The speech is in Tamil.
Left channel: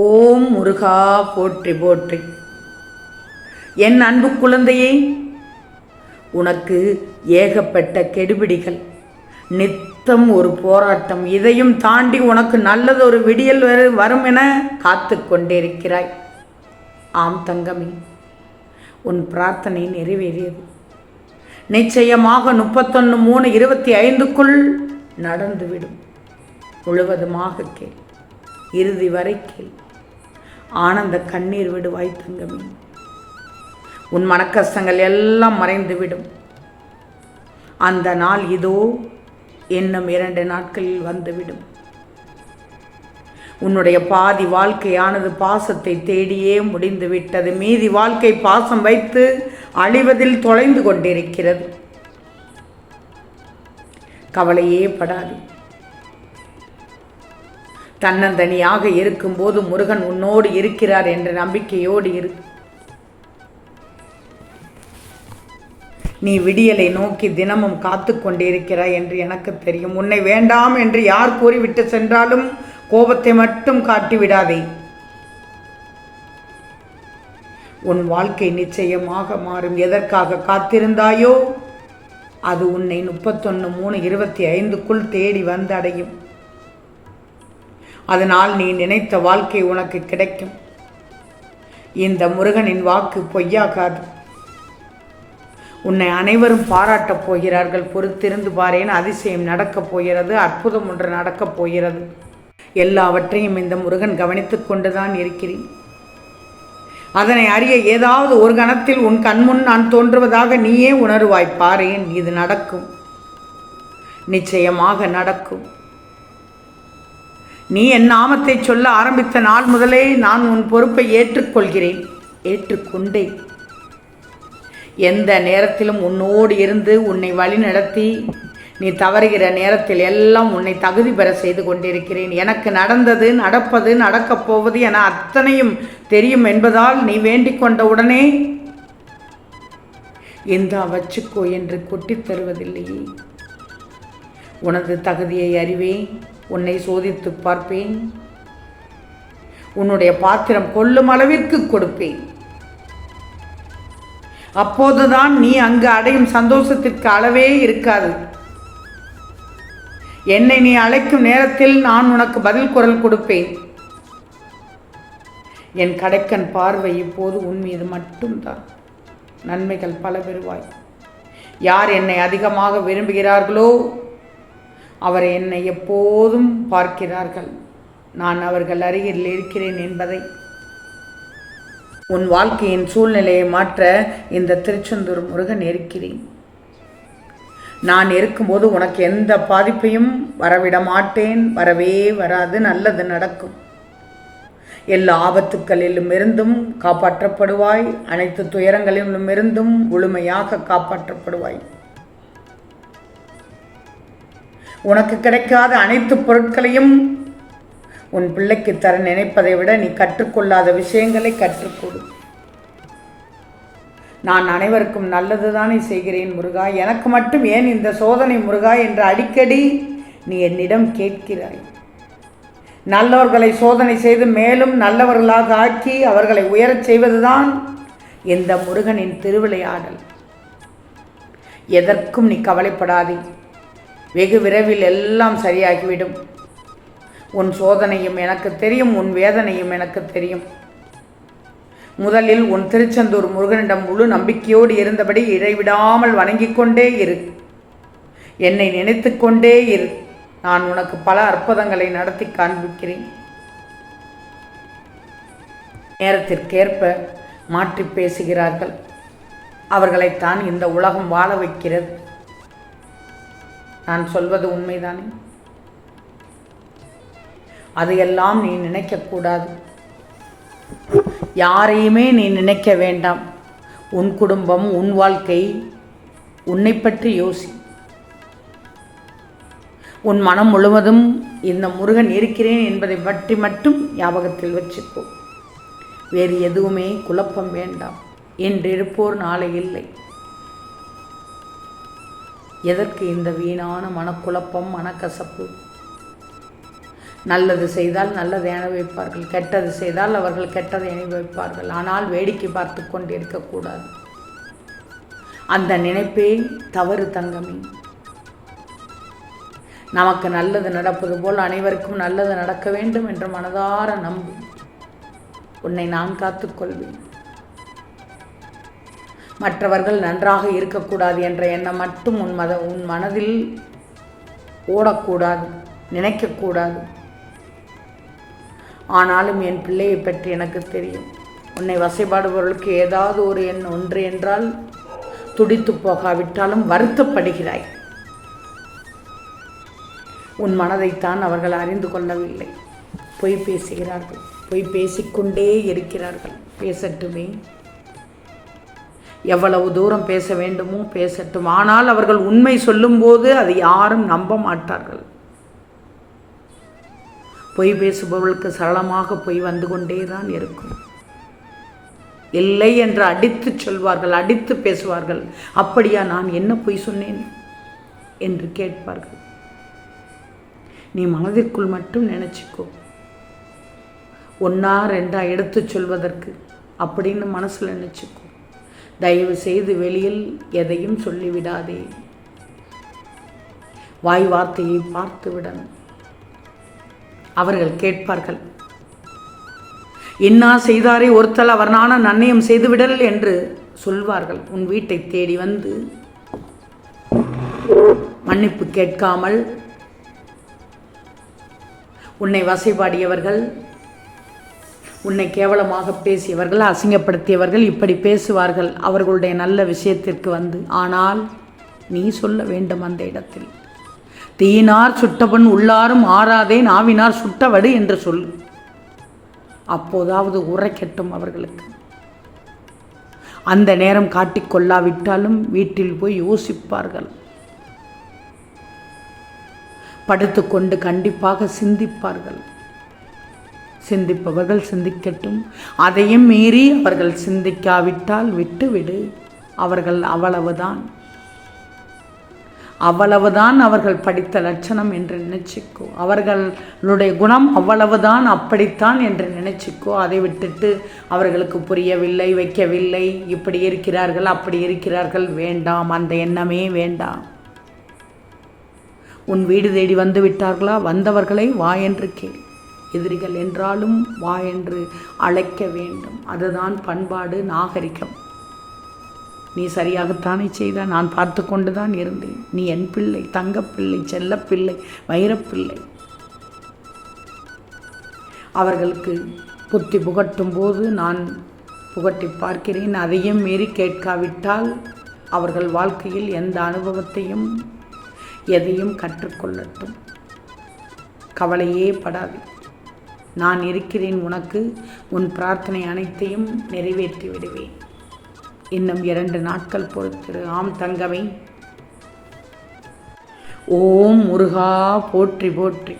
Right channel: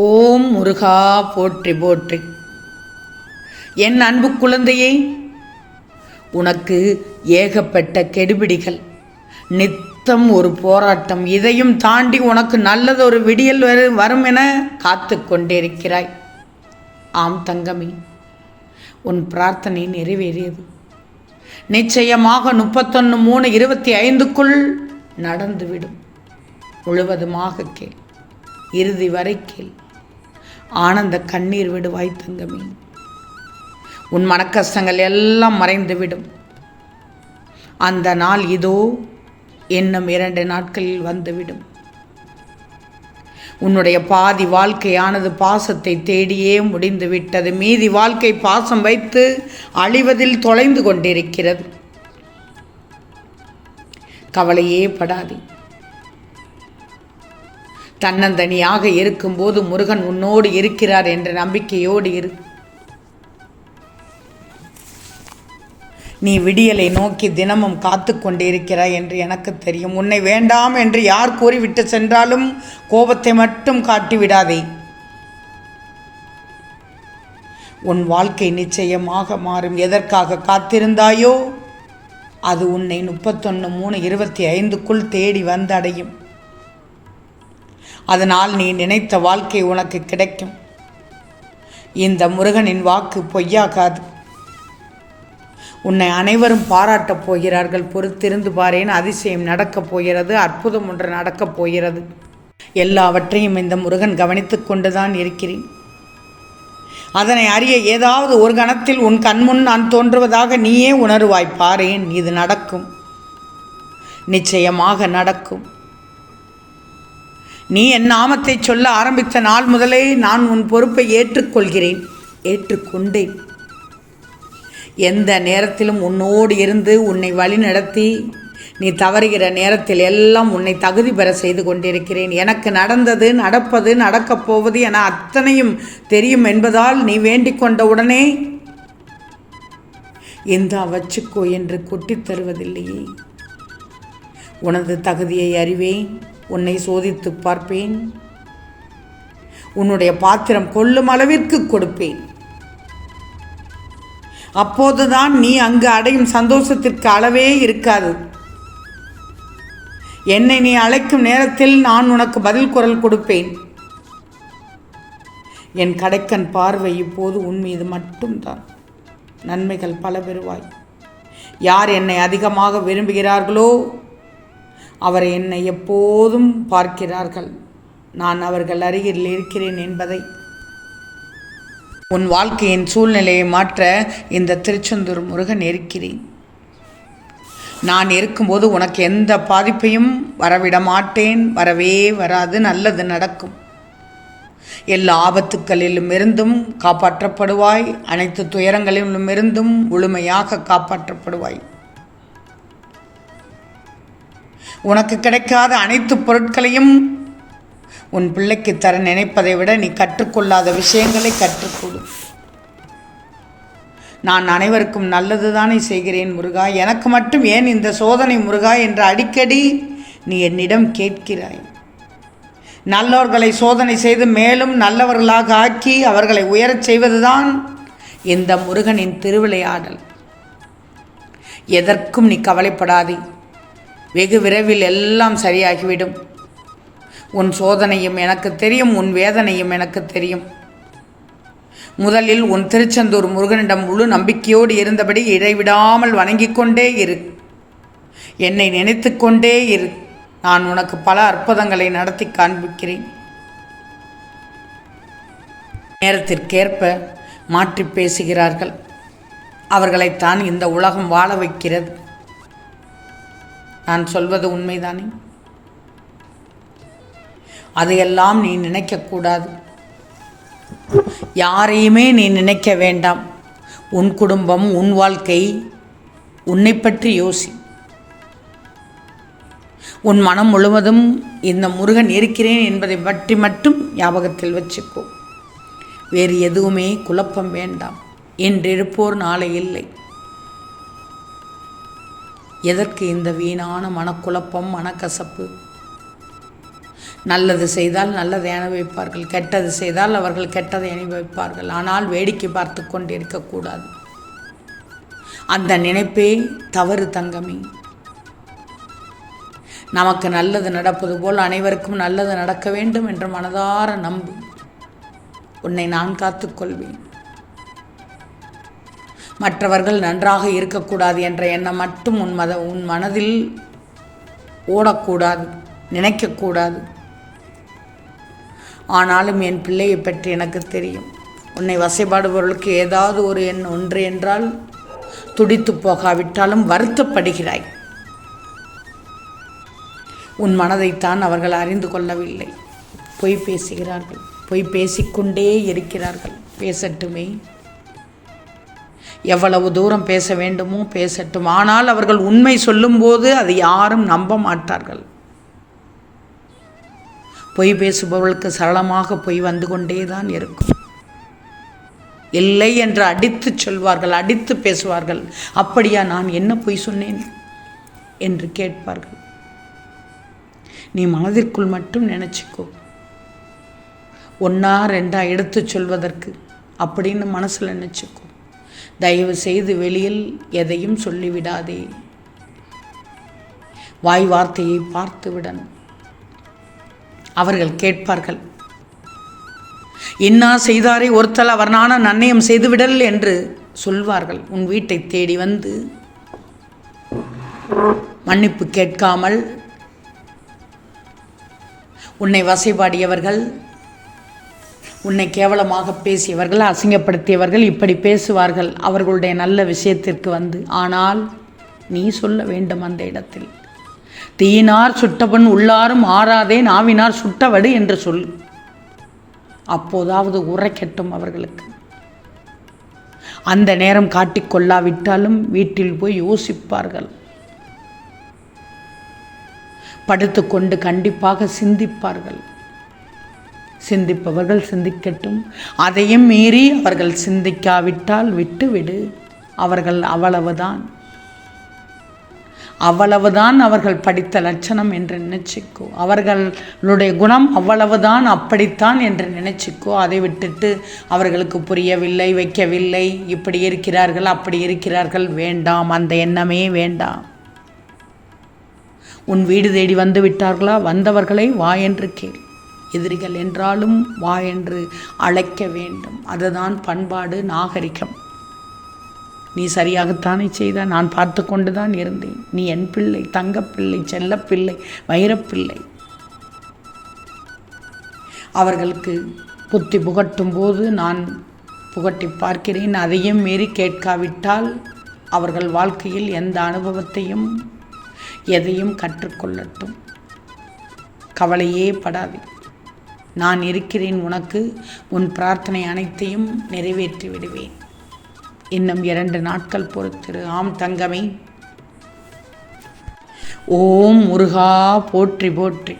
ஓம் முருகா போற்றி போற்றி. என் அன்பு குழந்தையே, உனக்கு ஏகப்பட்ட கெடுபிடிகள், நித்தம் ஒரு போராட்டம், இதையும் தாண்டி உனக்கு நல்லது ஒரு விடியல் வரும் என காத்து கொண்டிருக்கிறாய். ஆம் தங்கமே, உன் பிரார்த்தனை நிறைவேறியது. நிச்சயமாக 31/3/25க்குள் நடந்துவிடும். முழுவதுமாக கேள், இறுதி வரை கேள். ஆனந்த கண்ணீர் விடுவாய் தங்கமே. உன் மனக்கஷ்டங்கள் எல்லாம் மறைந்துவிடும். அந்த நாள் இதோ இன்னும் 2 நாட்களில் வந்துவிடும். உன்னுடைய பாதி வாழ்க்கையானது பாசத்தை தேடியே முடிந்து விட்டது. மீதி வாழ்க்கை பாசம் வைத்து அழிவதில் தொலைந்து கொண்டிருக்கிறது. கவலையே படாதே. தன்னந்தனியாக இருக்கும்போது முருகன் உன்னோடு இருக்கிறார் என்ற நம்பிக்கையோடு இரு. நீ விடியலை நோக்கி தினமும் காத்து கொண்டிருக்கிறாய் என்று எனக்கு தெரியும். உன்னை வேண்டாம் என்று யார் கூறிவிட்டு சென்றாலும் கோபத்தை மட்டும் காட்டிவிடாதே. உன் வாழ்க்கை நிச்சயமாக மாறும். எதற்காக காத்திருந்தாயோ அது உன்னை 31/3/25க்குள் தேடி வந்தடையும். அதனால் நீ நினைத்த வாழ்க்கை உனக்கு கிடைக்கும். இந்த முருகனின் வாக்கு பொய்யாகாது. உன்னை அனைவரும் பாராட்டப் போகிறார்கள். பொறுத்திருந்து பாரேன், அதிசயம் நடக்கப் போகிறது, அற்புதம் ஒன்று நடக்கப் போகிறது. எல்லாவற்றையும் இந்த முருகன் கவனித்துக் கொண்டுதான் இருக்கிறேன். அதனை அறிய ஏதாவது ஒரு கணத்தில் உன் கண்முன் நான் தோன்றுவதாக நீயே உணருவாய். பாரேன், இது நடக்கும், நிச்சயமாக நடக்கும். நீ என் நாமத்தை சொல்ல ஆரம்பித்த நாள் முதலே நான் உன் பொறுப்பை ஏற்றுக்கொள்கிறேன், ஏற்றுக்கொண்டேன். எந்த நேரத்திலும் உன்னோடு இருந்து உன்னை வழி நடத்தி நீ தவறுகிற நேரத்தில் எல்லாம் உன்னை தகுதி பெற செய்து கொண்டிருக்கிறேன். எனக்கு நடந்தது, நடப்பது, நடக்கப் போவது என அத்தனையும் தெரியும் என்பதால் நீ வேண்டிக் கொண்ட உடனே இந்தா வச்சுக்கோ என்று கொட்டித் தருவதில்லையே. உனது தகுதியை அறிவேன், உன்னை சோதித்து பார்ப்பேன், உன்னுடைய பாத்திரம் கொள்ளும் அளவிற்கு கொடுப்பேன். அப்போதுதான் நீ அங்கு அடையும் சந்தோஷத்திற்கு அளவே இருக்காது. என்னை நீ அழைக்கும் நேரத்தில் நான் உனக்கு பதில் குரல் கொடுப்பேன். என் கடைக்கன் பார்வை இப்போது உன் மீது மட்டும்தான். நன்மைகள் பல பெறுவாய். யார் என்னை அதிகமாக விரும்புகிறார்களோ அவரை என்னை எப்போதும் பார்க்கிறார்கள். நான் அவர்கள் அருகில் இருக்கிறேன் என்பதை. உன் வாழ்க்கையின் சூழ்நிலையை மாற்ற இந்த திருச்செந்தூர் முருகன் இருக்கிறேன். நான் இருக்கும்போது உனக்கு எந்த பாதிப்பையும் வரவிட மாட்டேன். வரவே வராது. நல்லது நடக்கும். எல்லா ஆபத்துக்களிலும் இருந்தும் காப்பாற்றப்படுவாய். அனைத்து துயரங்களிலும் இருந்தும் முழுமையாக காப்பாற்றப்படுவாய். உனக்கு கிடைக்காத அனைத்து பொருட்களையும் உன் பிள்ளைக்கு தர நினைப்பதை விட நீ கற்றுக்கொள்ளாத விஷயங்களை கற்றுக்கொடு. நான் அனைவருக்கும் நல்லதுதானே செய்கிறேன் முருகா, எனக்கு மட்டும் ஏன் இந்த சோதனை முருகா என்று அடிக்கடி நீ என்னிடம் கேட்கிறாய். நல்லவர்களை சோதனை செய்து மேலும் நல்லவர்களாக ஆக்கி அவர்களை உயரச் செய்வதுதான் இந்த முருகனின் திருவிளையாடல். எதற்கும் நீ கவலைப்படாதே. வெகு விரைவில் எல்லாம் சரியாகிவிடும். உன் சோதனையும் எனக்கு தெரியும், உன் வேதனையும் எனக்கு தெரியும். முதலில் உன் திருச்செந்தூர் முருகனிடம் முழு நம்பிக்கையோடு இருந்தபடி இடைவிடாமல் வணங்கிக் கொண்டே இரு. என்னை நினைத்து கொண்டே இரு. நான் உனக்கு பல அற்புதங்களை நடத்தி காண்பிக்கிறேன். நேரத்திற்கேற்ப மாற்றி பேசுகிறார்கள். அவர்களைத்தான் இந்த உலகம் வாழ வைக்கிறது. நான் சொல்வது உண்மைதானே? அதையெல்லாம் நீ நினைக்கக்கூடாது. யாரையுமே நீ நினைக்க வேண்டாம். உன் குடும்பம், உன் வாழ்க்கை, உன்னை பற்றி யோசி. உன் மனம் முழுவதும் இந்த முருகன் இருக்கிறேன் என்பதை பற்றி மட்டும் ஞாபகத்தில் வச்சுக்கோ. வேறு எதுவுமே குழப்பம் வேண்டாம். இன்றிருப்போர் நாளை இல்லை. எதற்கு இந்த வீணான மனக்குழப்பம், மனக்கசப்பு? நல்லது செய்தால் நல்லதை அனுபவிப்பார்கள், கெட்டது செய்தால் அவர்கள் கெட்டதை அனுபவிப்பார்கள். ஆனால் வேடிக்கை பார்த்து கொண்டு இருக்கக்கூடாது. அந்த நினைப்பே தவறு தங்கமே. நமக்கு நல்லது நடப்பது போல் அனைவருக்கும் நல்லது நடக்க வேண்டும் என்று மனதார நம்பு. உன்னை நான் காத்துக்கொள்வேன். மற்றவர்கள் நன்றாக இருக்கக்கூடாது என்ற எண்ணம் மட்டும் உன் மனதில் ஓடக்கூடாது, நினைக்கக்கூடாது. ஆனாலும் என் பிள்ளையை பற்றி எனக்கு தெரியும். உன்னை வசைபாடுபவர்களுக்கு ஏதாவது ஒரு ஒன்று என்றால் துடித்து போகாவிட்டாலும் வருத்தப்படுகிறாய். உன் மனதைத்தான் அவர்கள் அறிந்து கொள்ளவில்லை. பொய் பேசுகிறார்கள், பொய் பேசிக்கொண்டே இருக்கிறார்கள். பேசட்டுமே, எவ்வளவு தூரம் பேச வேண்டுமோ பேசட்டும். ஆனால் அவர்கள் உண்மை சொல்லும்போது அதை யாரும் நம்ப மாட்டார்கள். பொய் பேசுபவர்களுக்கு சரளமாக பொய் வந்து கொண்டே தான் இருக்கும். இல்லை என்று அடித்து சொல்வார்கள், அடித்து பேசுவார்கள். அப்படியா, நான் என்ன பொய் சொன்னேன் என்று கேட்பார்கள். நீ மனதிற்குள் மட்டும் நினச்சிக்கோ, ஒன்றா ரெண்டா எடுத்து சொல்வதற்கு அப்படின்னு மனசில் நினச்சிக்கோ. தயவு செய்து வெளியில் எதையும் சொல்லிவிடாதே. வாய் வார்த்தையை பார்த்து விடணும். அவர்கள் கேட்பார்கள், இன்னா செய்தாரே ஒருத்தல் அவர் நான நன்னயம் செய்துவிடல் என்று சொல்வார்கள். உன் வீட்டை தேடி வந்து மன்னிப்பு கேட்காமல் உன்னை வசைபாடியவர்கள், உன்னை கேவலமாக பேசியவர்கள், அசிங்கப்படுத்தியவர்கள் இப்படி பேசுவார்கள் அவர்களுடைய நல்ல விஷயத்திற்கு வந்து. ஆனால் நீ சொல்ல வேண்டும் அந்த இடத்தில், தீயினார் சுட்டபன் உள்ளாரும் ஆறாதே நாவினார் சுட்டவடு என்று சொல். அப்போதாவது உரைக்கட்டும் அவர்களுக்கு. அந்த நேரம் காட்டிக்கொள்ளாவிட்டாலும் வீட்டில் போய் யோசிப்பார்கள். படுத்துக்கொண்டு கண்டிப்பாக சிந்திப்பார்கள். சிந்திப்பவர்கள் சிந்திக்கட்டும். அதையும் மீறி அவர்கள் சிந்திக்காவிட்டால் விட்டுவிடு. அவர்கள் அவ்வளவுதான் அவர்கள் படித்த லட்சணம் என்று நினைச்சிக்கோ. அவர்களுடைய குணம் அவ்வளவுதான், அப்படித்தான் என்று நினைச்சிக்கோ. அதை விட்டுட்டு அவர்களுக்கு புரியவில்லை, வைக்கவில்லை, இப்படி இருக்கிறார்கள், அப்படி இருக்கிறார்கள், வேண்டாம். அந்த எண்ணமே வேண்டாம். உன் வீடு தேடி வந்து விட்டார்களா? வந்தவர்களை வா என்று கேள். எதிரிகள் என்றாலும் வா என்று அழைக்க வேண்டும். அதுதான் பண்பாடு, நாகரிகம். நீ சரியாகத்தானே செய்த, நான் பார்த்து கொண்டு தான் இருந்தேன். நீ என் பிள்ளை, தங்கப்பிள்ளை, செல்லப்பிள்ளை, வைரப்பிள்ளை. அவர்களுக்கு புத்தி புகட்டும் போது நான் புகட்டி பார்க்கிறேன். அதையும் மீறி கேட்காவிட்டால் அவர்கள் வாழ்க்கையில் எந்த அனுபவத்தையும் எதையும் கற்றுக்கொள்ளட்டும். கவலையே படாது. நான் இருக்கிறேன் உனக்கு. உன் பிரார்த்தனை அனைத்தையும் நிறைவேற்றி விடுவேன். இன்னும் 2 நாட்கள் பொறுத்திரு. ஆம் தங்கமே. ஓம் முருகா போற்றி போற்றி.